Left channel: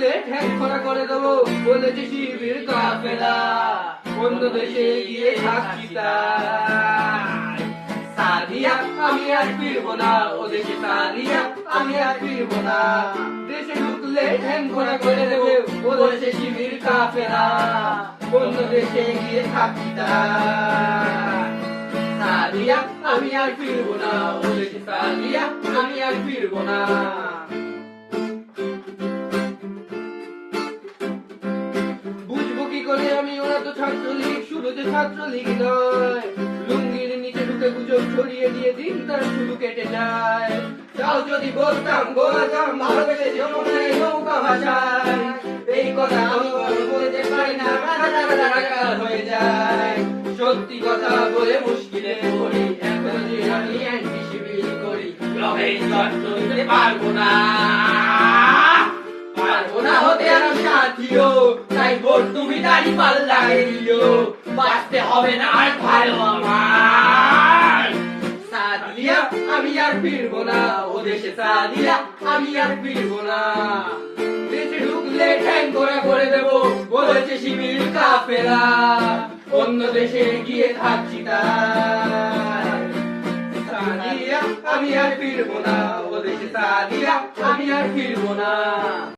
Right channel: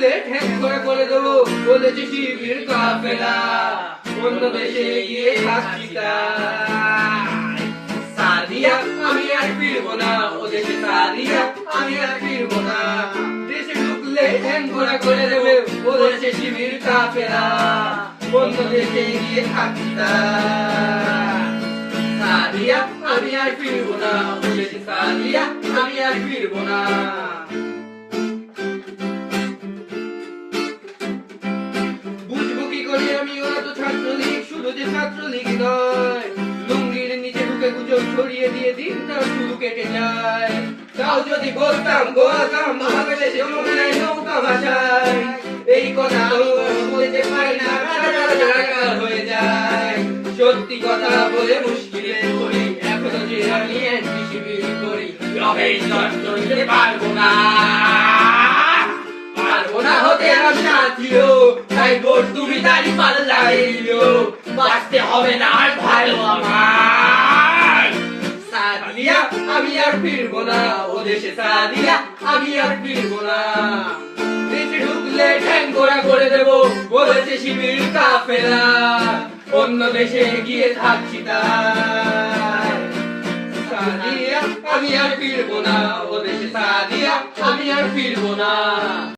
ঢুকলে ঠ্যাং খোঁড়া করে দেবো বলেছে শিবির কাফেলা, অন্য দেশে গিয়ে থাকছি তাই। সাদিয়া আমি আর ফিরবো না, ও দেশে সাদিয়া আমি আর ফিরবো না। দেশে ঢুকলে ঠ্যাং খোঁড়া করে দেবে বলেছে শিবির কাফেলা, অন্য দেশে গিয়ে থাকছি তাই। সাদিয়া আমি আর ফিরবো না, ও দেশে সাদিয়া আমি আর ফিরবো না। বুঝবো কি করে আমি, ওরা তো ছাত্রলীগ, শুধু যে ছাত্রলীগ নয়, লুঙ্গির নিচে ঢুকে গুজব ছড়িয়ে দিয়ে দিনটা শুধু কেটে যায়। তাও যদি বলতাম গোয়াগাম ভালোবেসে যমুনায় নৌকা ভাসায়, এই কথা আমি বলতে পারি না, রাগা হয়ে যায়। সত্যি কথা বলে মুশকিলে পড়ি, এখনো যে আমি একই শিবির করি, তবে এই শর্ত নিতে পারবো না, পারবো না হতে আর সাথীও, তাই ভোট তুমি দাঁড়ি পাল্লাইও, বাঁচতে হবে না আর ভালো আমার। সাদিয়া আমি আর ফিরবো না, ও দেশে সাদিয়া আমি আর ফিরবো না। দেশে ঢুকলে ঠ্যাং খোঁড়া করে দেবো বলেছে শিবির কাফেলা, অন্য দেশে গিয়ে থাকছি তাই। সাদিয়া আমি আর ফিরবো না, ও দেশে সাদিয়া আমি আর ফিরবো না।